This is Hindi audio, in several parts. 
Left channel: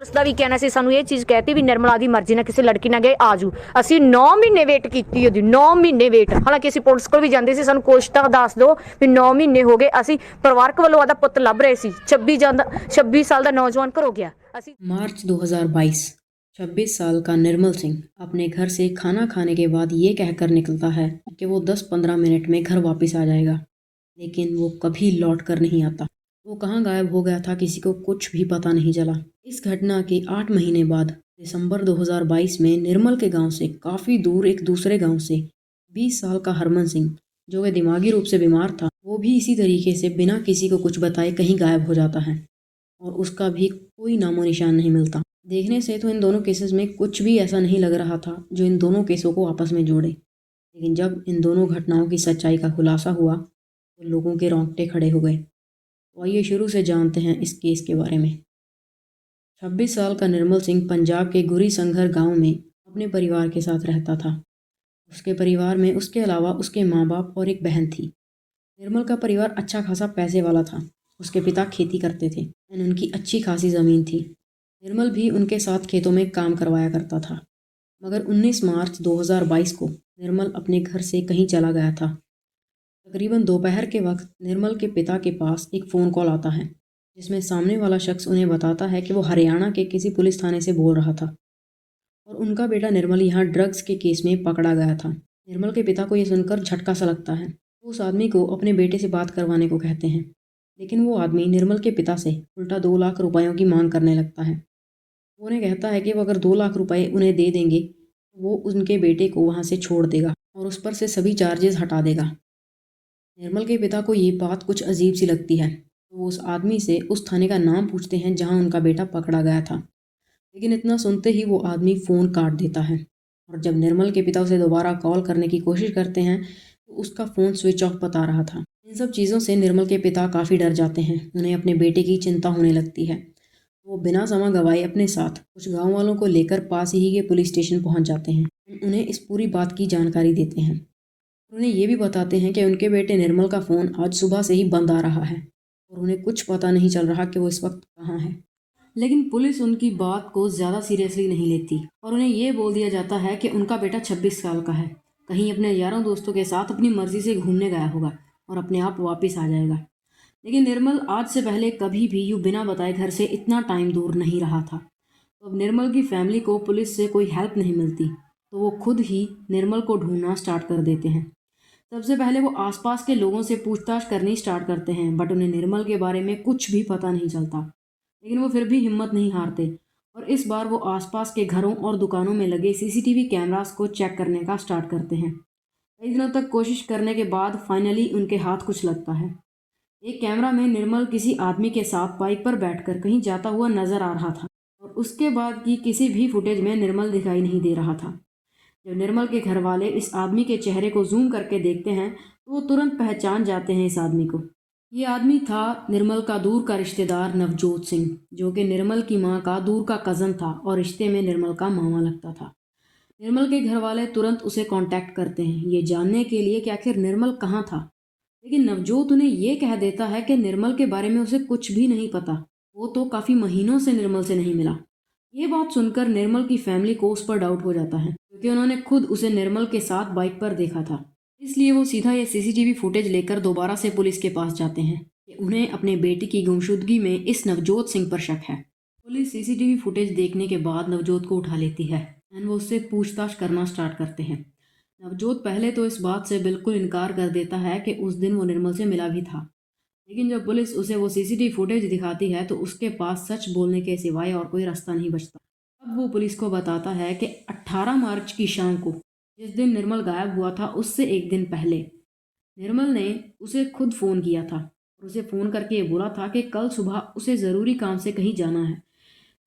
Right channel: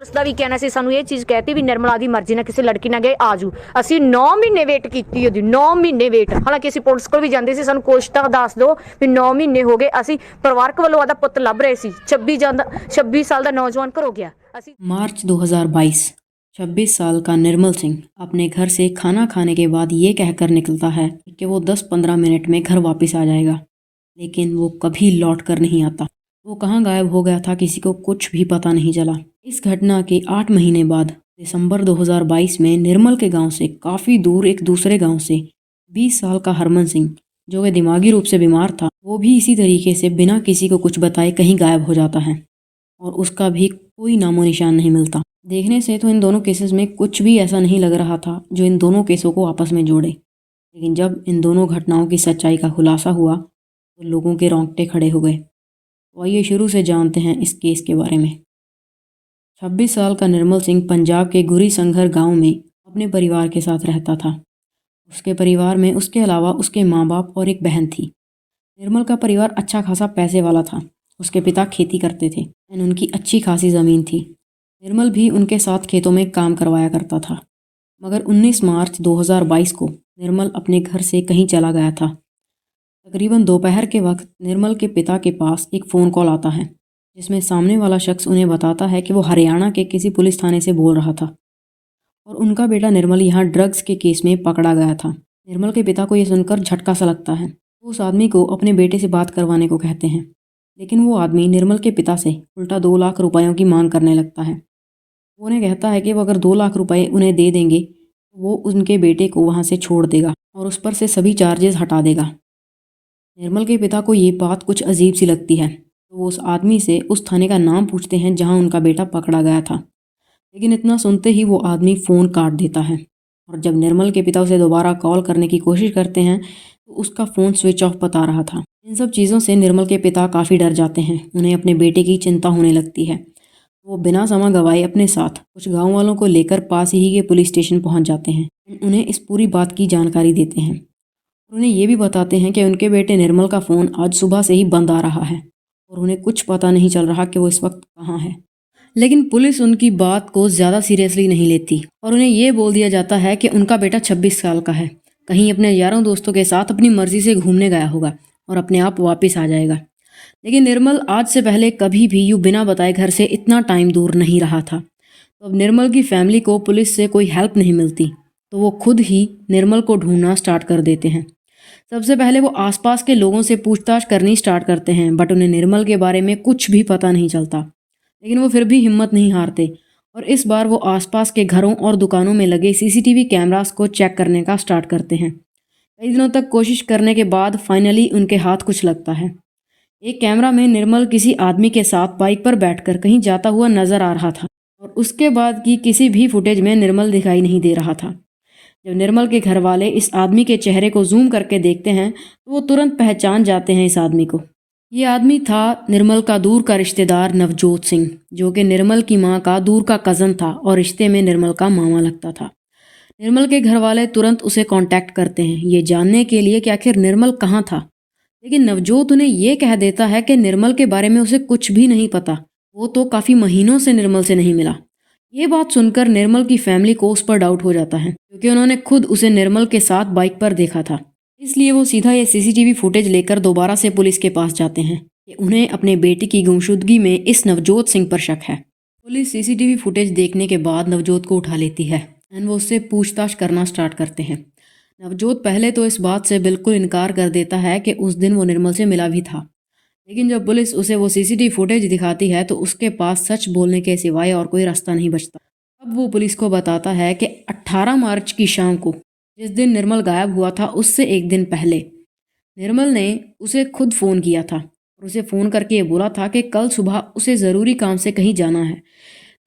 ਉਸਦਾ ਵੀ ਕਹਿਣਾ ਸੀ, ਸਾਨੂੰ ਇਹ ਚੀਜ਼ ਕਹਿਤੀ ਵੀ ਨਿਰਮਲਾ ਦੀ ਮਰਜ਼ੀ ਨਾਲ ਕਿਸੇ ਲੜਕੀ ਨਾਲ ਗਏ ਆਜੂ। ਅਸੀਂ 9 ਮਹੀਨੇ ਵੇਟ ਕੀਤੀ ਉਹਦੀ, 9 ਮਹੀਨੇ ਵੇਟ। ਹਾਲਾਂਕਿ ਅਸੀਂ ਪੁਲਿਸ ਕੋਲ ਵੀ ਜਾਂਦੇ ਸੀ, ਸਾਨੂੰ ਕੁਛ ਤਾਂ ਦੱਸ ਦਿਓ ਵੀ 9 ਮਹੀਨੇ ਹੋ ਗਏ। ਅਸੀਂ ਪਰਿਵਾਰਕ ਵੱਲੋਂ ਆਦਾ ਪੁੱਤ ਲੱਭ ਰਹੇ ਸੀ। 26 ਸਾਲ ਦਾ नौजवान ਘਰੋਂ ਗਿਆ। ਅਸੀਂ मार्च 2022 26 साल का निर्मल सिंह अपने घर से खाना खाने के बाद ये कहकर निकलता है कि वो 10-15 मिनट में घर वापस आ जाएगा, लेकिन वो कभी लौट कर नहीं आता। वो कहाँ गायब हो गया था किसी को कुछ भी पता नहीं चला। इस घटना के 8 महीने बाद दिसंबर 2022 में निर्मल के गांव से काफ़ी दूर एक दूसरे गांव से 20 साल का हरमन सिंह, जो कि दिमागी रूप से बीमार था, वो भी इसी तरीके से बिना किसी को कुछ बताए कहीं गायब हो जाता है और उसका भी कोई नामो निशान नहीं मिलता। देखने से तो इन दोनों केसेस में कुछ भी ऐसा नहीं लग रहा था जो इन दोनों केसों को आपस में जोड़े, लेकिन जब इन दोनों घटनाओं की सच्चाई का खुलासा हुआ तो लोगों के रोंगटे खड़े हो गए। तो आइए शुरू से जानते हैं इस केस के बारे में। 26 साल का निर्मल सिंह पंजाब के गुरी संघर गांव में अपने परिवार के साथ रहता था। उसके परिवार में उसके अलावा उसके माँ बाप और एक बहन थी। निर्मल का परिवार अच्छा खासा पैसे वाला था। उसके पिता खेती करते थे और उनकी अच्छी खासी ज़मीन थी। निर्मल भी उनके साथ खेतों में काम करवाया करता था। मगर 19 मार्च 2022 को निर्मल अपने घर से कहीं चला गया था। तकरीबन दोपहर के वक्त निर्मल के पिता के पास एक फ़ोन कॉल आता है, जिसमें सामने वाला शख्स उन्हें बताता है कि वो हरियाणा के किसी पुलिस थाने से बोल रहा था और उनका बेटा निर्मल यहाँ ड्रग्स के केस में पकड़ा गया था। निर्मल के पिता को यह सुनकर झटका सा लगता है। वो उस आदमी को अपने बेटे से बात करवाने को कहते हैं, लेकिन वो आदमी निर्मल के पिता से उल्टा 2 लाख रुपयों की मांग करने लगता है। वो उन्हें कहता है कि वो अगर 2 लाख रुपए उन्हें दे देंगे तो वो उनके बेटे को वहाँ से छोड़ देगा और उस पर से सभी चार्जेस हटा देगा। निर्मल के पिता को ये बात कुछ अजीब सी लगती है, तो वो उस आदमी से उस थाने का नाम पूछते हैं जहाँ उनका बेटा पकड़ा गया था। लेकिन इतना सुनते ही वो आदमी फ़ोन काट देता है और जब निर्मल के पिता उसे दोबारा कॉल करने की कोशिश करते हैं तो उसका फ़ोन स्विच ऑफ बता रहा था। इन सब चीज़ों से निर्मल के पिता काफ़ी डर जाते हैं। उन्हें अपने बेटे की चिंता होने लगती है। वो बिना समय गंवाए अपने साथ कुछ गांव वालों को लेकर पास ही के पुलिस स्टेशन पहुंच जाते हैं। उन्हें इस पूरी बात की जानकारी देते हैं। उन्हें ये भी बताते हैं कि उनके बेटे निर्मल का फ़ोन आज सुबह से ही बंद आ रहा है और उन्हें कुछ पता नहीं चल रहा कि वो इस वक्त कहाँ है। लेकिन पुलिस उनकी बात को ज़्यादा सीरियसली नहीं लेती और उन्हें ये बोल दिया जाता है कि उनका बेटा 26 साल का है, कहीं अपने यारों दोस्तों के साथ अपनी मर्ज़ी से घूमने गया होगा और अपने आप वापस आ जाएगा। लेकिन निर्मल आज से पहले कभी भी यूँ बिना बताए घर से इतना टाइम दूर नहीं रहा था। तो अब निर्मल की फैमिली को पुलिस से कोई हेल्प नहीं मिलती, तो वो खुद ही निर्मल को ढूंढना स्टार्ट कर देते हैं। सबसे पहले वो आसपास के लोगों से पूछताछ करनी स्टार्ट करते हैं, बट उन्हें निर्मल के बारे में कुछ भी पता नहीं चलता। लेकिन वो फिर भी हिम्मत नहीं हारते और इस बार वो आसपास के घरों और दुकानों में लगे सीसीटीवी कैमरास को चेक करने का स्टार्ट करते हैं। कई दिनों तक कोशिश करने के बाद फाइनली उनके हाथ कुछ लगता है। एक कैमरा में निर्मल किसी आदमी के साथ बाइक पर बैठकर कहीं जाता हुआ नजर आ रहा था और उसके बाद की किसी भी फुटेज में निर्मल दिखाई नहीं दे रहा था। जब निर्मल के घर वाले इस आदमी के चेहरे को जूम करके देखते हैं तो वो तुरंत पहचान जाते हैं इस आदमी को। ये आदमी था निर्मल का दूर का रिश्तेदार नवजोत सिंह, जो कि निर्मल की मां का दूर का कज़न था और रिश्ते में निर्मल का मामा लगता था। निर्मल के घर वाले तुरंत उसे कांटेक्ट करते हैं ये जानने के लिए कि आखिर निर्मल कहाँ था। लेकिन नवजोत उन्हें ये कह देता है कि निर्मल के बारे में उसे कुछ भी नहीं पता, वो तो काफ़ी महीनों से निर्मल से नहीं मिला। ये बात सुनकर निर्मल की फैमिली को उस पर डाउट हो जाता है, क्योंकि उन्होंने खुद उसे निर्मल के साथ बाइक पर देखा था। इसलिए वो सीधा ये सीसीटीवी फुटेज लेकर दोबारा से पुलिस के पास जाते हैं कि उन्हें अपने बेटे की गुमशुदगी में इस नवजोत सिंह पर शक है। पुलिस सीसीटीवी फुटेज देखने के बाद नवजोत को उठा लेती है एंड वो उससे पूछताछ करना स्टार्ट करते हैं। नवजोत पहले तो इस बात से बिल्कुल इनकार कर देता है कि उस दिन वो निर्मल से मिला भी था, लेकिन जब पुलिस उसे वो सीसीटीवी फुटेज दिखाती है तो उसके पास सच बोलने के सिवाय और कोई रास्ता नहीं बचता। अब वो पुलिस को बताता है कि 18 मार्च की शाम को, जिस दिन निर्मल गायब हुआ था उससे एक दिन पहले, निर्मल ने उसे खुद फ़ोन किया था और उसे फ़ोन करके ये बोला था कि कल सुबह उसे ज़रूरी काम से कहीं जाना है,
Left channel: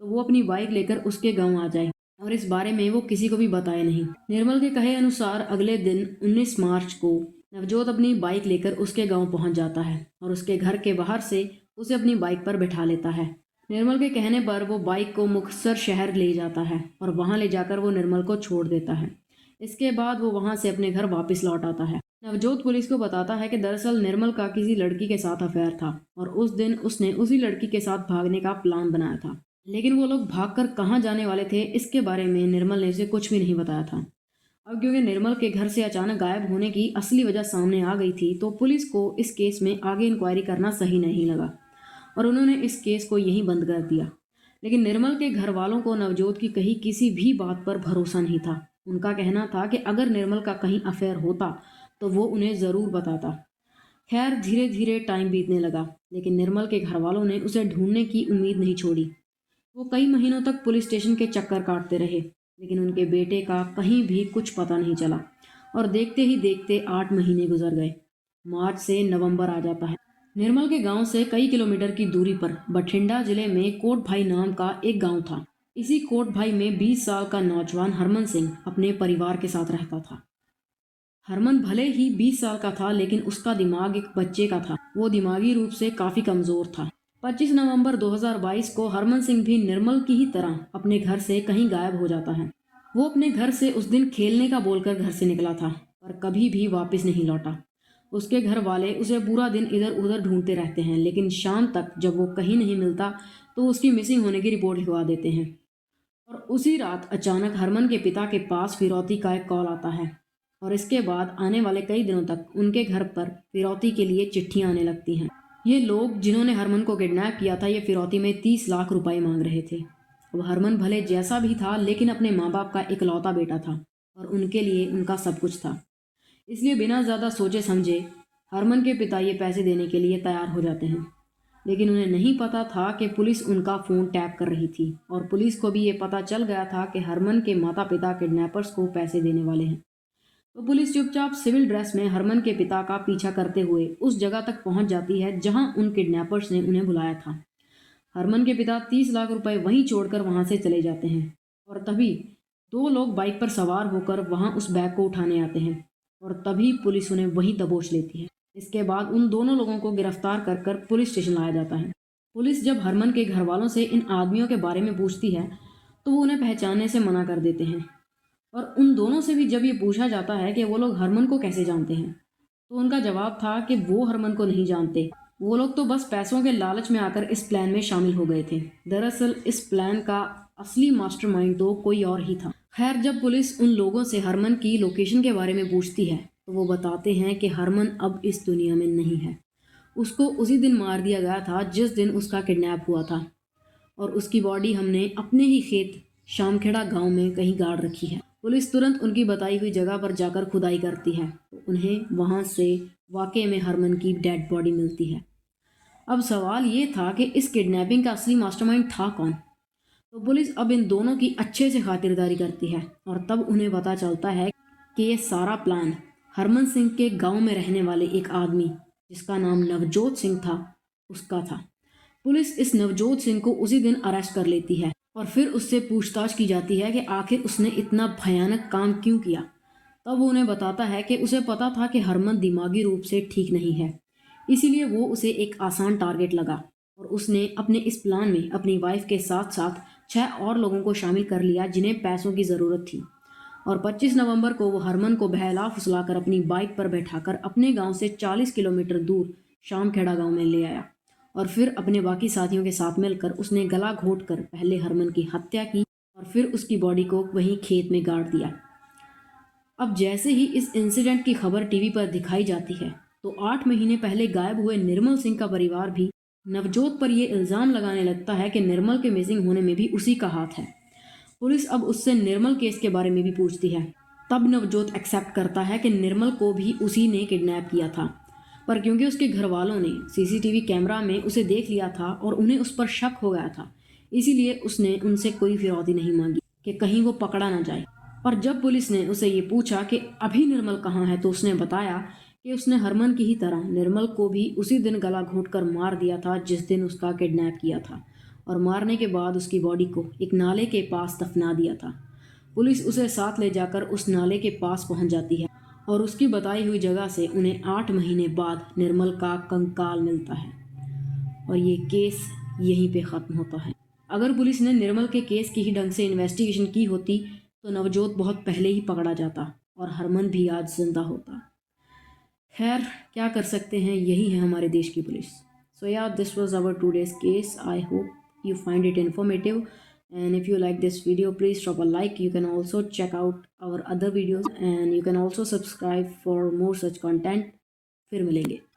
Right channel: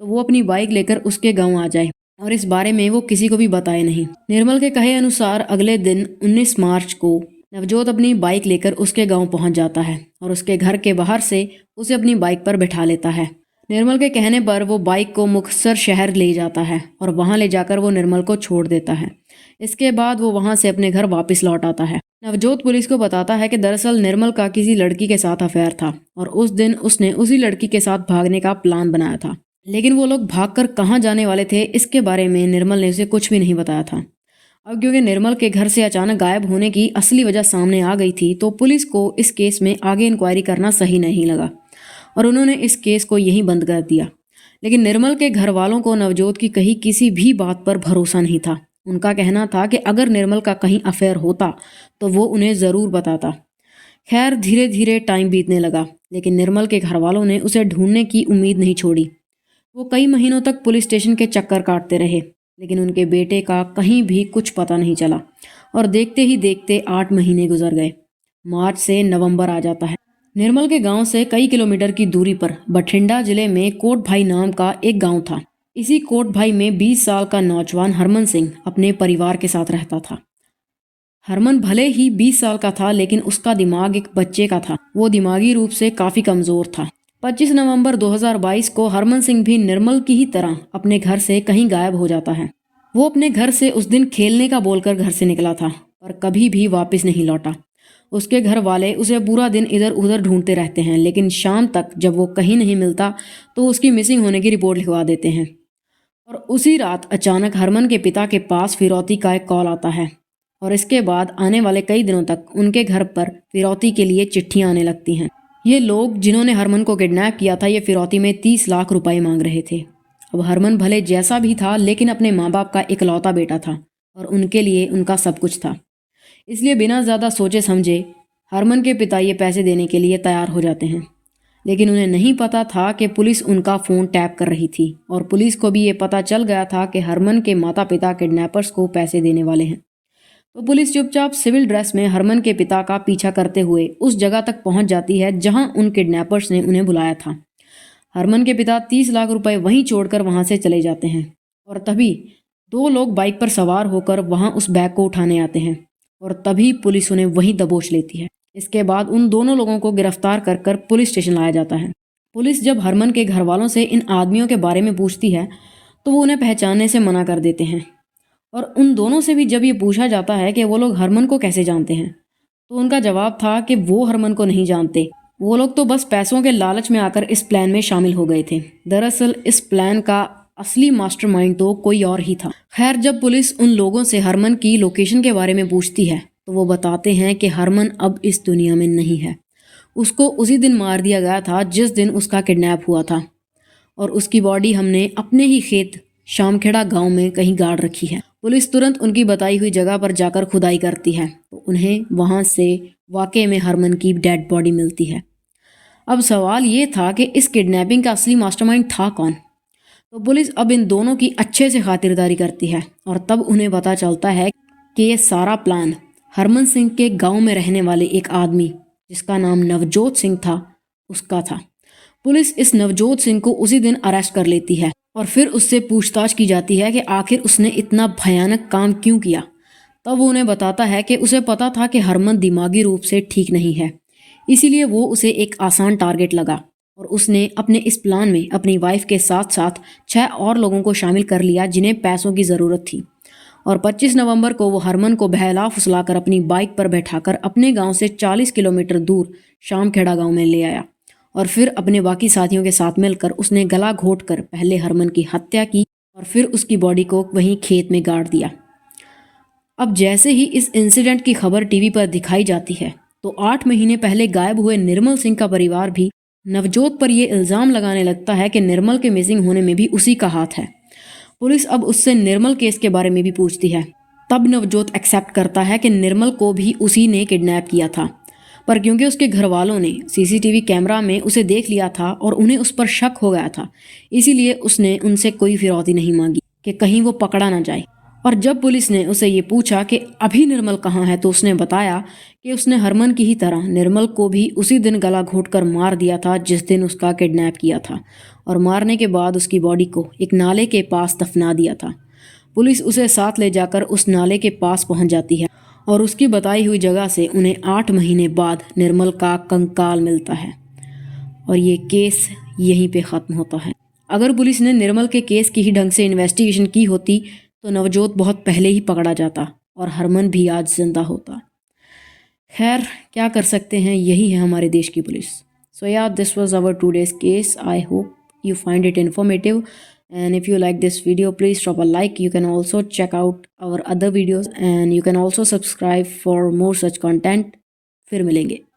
तो वो अपनी बाइक लेकर उसके गांव आ जाए और इस बारे में वो किसी को भी बताए नहीं। निर्मल के कहे अनुसार अगले दिन 19 मार्च को नवजोत अपनी बाइक लेकर उसके गांव पहुंच जाता है और उसके घर के बाहर से उसे अपनी बाइक पर बैठा लेता है। निर्मल के कहने पर वो बाइक को मुक्तसर शहर ले जाता है और वहां ले जाकर वो निर्मल को छोड़ देता है। इसके बाद वो वहां से अपने घर वापस लौट आता है। नवजोत पुलिस को बताता है कि दरअसल निर्मल का किसी लड़की के साथ अफेयर था और उस दिन उसने उसी लड़की के साथ भागने का प्लान बनाया था। लेकिन वो लोग भागकर कहाँ जाने वाले थे इसके बारे में निर्मल ने उसे कुछ भी नहीं बताया था। अब क्योंकि निर्मल के घर से अचानक गायब होने की असली वजह सामने आ गई थी तो पुलिस को इस केस में आगे इंक्वायरी करना सही नहीं लगा और उन्होंने इस केस को यहीं बंद कर दिया। लेकिन निर्मल के घर वालों को नवजोत की कही किसी भी बात पर भरोसा नहीं था। उनका कहना था कि अगर निर्मल का कहीं अफेयर होता तो वो उन्हें ज़रूर बताता। खैर धीरे धीरे टाइम बीतने लगा लेकिन निर्मल के घर वालों ने उसे ढूंढने की उम्मीद नहीं छोड़ी। वो कई महीनों तक पुलिस स्टेशन के चक्कर काटते रहे लेकिन उनके बेटे का कहीं भी कुछ पता नहीं चला और देखते ही देखते 8 महीने गुजर गए। मार्च से नवंबर आ जाता है। निर्मल के गांव से कई किलोमीटर की दूरी पर बठिंडा जिले में कोट भाई नाम का एक गांव था। इसी कोट भाई में 20 साल का नौजवान हरमन सिंह अपने परिवार के साथ रहता था। हरमन भले ही 20 साल का था लेकिन उसका दिमाग एक बच्चे का था। वो दिमागी रूप से काफ़ी कमज़ोर था। 25 नवंबर 2022 को हरमन सिंह भी निर्मल की ही तरह अपने घर से कहीं गायब हो जाता है। वो अपने घर से उस दिन खेलने का बोलकर घर से निकला था पर कभी भी वापस नहीं लौटा। उसके घर वाले उसे पूरा दिन इधर उधर ढूंढते रहते हैं लेकिन शाम तक जब वो कहीं नहीं मिलता तो उसकी मिसिंग होने की रिपोर्ट लिखवा देते हैं। और उसी रात अचानक हरमन के पिता के पास फिरौती का एक कॉल आता है और इसके बाद आने वाले कई दिनों तक उनके घर पर फिरौती के लिए चिट्ठियां आने लगती हैं। ये लोग जिन्होंने हरमन को किडनैप किया था ये फिरौती में 30 लाख रुपए मांग रहे थे। अब हरमन भले जैसा भी था लेकिन अपने माँ बाप का इकलौता बेटा था और उनके लिए उनका सब कुछ था। इसलिए बिना ज़्यादा सोचे समझे हरमन के पिता ये पैसे देने के लिए तैयार हो जाते हैं। लेकिन उन्हें नहीं पता था कि पुलिस उनका फ़ोन टैप कर रही थी और पुलिस को भी ये पता चल गया था कि हरमन के माता पिता किडनैपर्स को पैसे देने वाले हैं। तो पुलिस चुपचाप सिविल ड्रेस में हरमन के पिता का पीछा करते हुए उस जगह तक पहुंच जाती है जहां उन किडनैपर्स ने उन्हें बुलाया था। हरमन के पिता 30 लाख रुपए वहीं छोड़कर वहां से चले जाते हैं और तभी 2 लोग बाइक पर सवार होकर वहां उस बैग को उठाने आते हैं और तभी पुलिस उन्हें वहीं दबोच लेती है। इसके बाद उन दोनों लोगों को गिरफ्तार कर कर पुलिस स्टेशन लाया जाता है। पुलिस जब हरमन के घर वालों से इन आदमियों के बारे में पूछती है तो वो उन्हें पहचानने से मना कर देते हैं और उन दोनों से भी जब ये पूछा जाता है कि वो लोग हरमन को कैसे जानते हैं तो उनका जवाब था कि वो हरमन को नहीं जानते। वो लोग तो बस पैसों के लालच में आकर इस प्लान में शामिल हो गए थे। दरअसल इस प्लान का असली मास्टरमाइंड तो कोई और ही था। खैर जब पुलिस उन लोगों से हरमन की लोकेशन के बारे में पूछती है तो वो बताते हैं कि हरमन अब इस दुनिया में नहीं है। उसको उसी दिन मार दिया गया था जिस दिन उसका किडनैप हुआ था और उसकी बॉडी हमने अपने ही खेत शामखेड़ा गांव में कहीं गाड़ रखी है। पुलिस तुरंत उनकी बताई हुई जगह पर जाकर खुदाई करती है तो उन्हें वहां से वाकई में हरमन की डेड बॉडी मिलती है। अब सवाल ये था कि इस किडनैपिंग का असली मास्टरमाइंड था कौन। तो पुलिस अब इन दोनों की अच्छे से खातिरदारी करती है और तब उन्हें पता चलता है कि ये सारा प्लान हरमन सिंह के गांव में रहने वाले एक आदमी जिसका नाम नवजोत सिंह था उसका था। पुलिस इस नवजोत सिंह को उसी दिन अरेस्ट कर लेती है और फिर उससे पूछताछ की जाती है कि आखिर उसने इतना भयानक काम क्यों किया। तब वो उन्हें बताता है कि उसे पता था कि हरमन दिमागी रूप से ठीक नहीं है, इसीलिए वो उसे एक आसान टारगेट लगा और उसने अपने इस प्लान में अपनी वाइफ के साथ साथ 6 और लोगों को शामिल कर लिया जिन्हें पैसों की ज़रूरत थी। और 25 नवंबर को वो हरमन को बहला फुसलाकर अपनी बाइक पर बैठाकर अपने गांव से 40 किलोमीटर दूर शामखेड़ा गांव में ले आया और फिर अपने बाकी साथियों के साथ मिलकर उसने गला घोंटकर पहले हरमन की हत्या की और फिर उसकी बॉडी को वहीं खेत में गाड़ दिया। अब जैसे ही इस इंसिडेंट की खबर टीवी पर दिखाई जाती है तो 8 महीने पहले गायब हुए निर्मल सिंह का परिवार भी नवजोत पर यह इल्ज़ाम लगाने लगता है कि निर्मल के मिसिंग होने में भी उसी का हाथ है। पुलिस अब उससे निर्मल केस के बारे में भी पूछती है। तब नवजोत एक्सेप्ट करता है कि निर्मल को भी उसी ने किडनैप किया था, पर क्योंकि उसके घर वालों ने सीसीटीवी कैमरा में उसे देख लिया था और उन्हें उस पर शक हो गया था, इसीलिए उसने उनसे कोई फिरौती नहीं मांगी कि कहीं वो पकड़ा ना जाए। और जब पुलिस ने उसे ये पूछा कि अभी निर्मल कहाँ है तो उसने बताया कि उसने हरमन की ही तरह निर्मल को भी उसी दिन गला घोंटकर मार दिया था जिस दिन उसका किडनैप किया था और मारने के बाद उसकी बॉडी को एक नाले के पास दफना दिया था। पुलिस उसे साथ ले जाकर उस नाले के पास पहुंच जाती है और उसकी बताई हुई जगह से उन्हें 8 महीने बाद निर्मल का कंकाल मिलता है और ये केस यहीं पे ख़त्म होता है। अगर पुलिस ने निर्मल के केस की ही ढंग से इन्वेस्टिगेशन की होती तो नवजोत बहुत पहले ही पकड़ा जाता और हरमन भी आज जिंदा होता। खैर क्या कर सकते हैं, यही है हमारे देश की पुलिस। सो या this was our today's case. I hope you find it informative. And if you like this video, please drop a like. You can also check out our other videos and you can also subscribe for more such content. फिर मिलेंगे.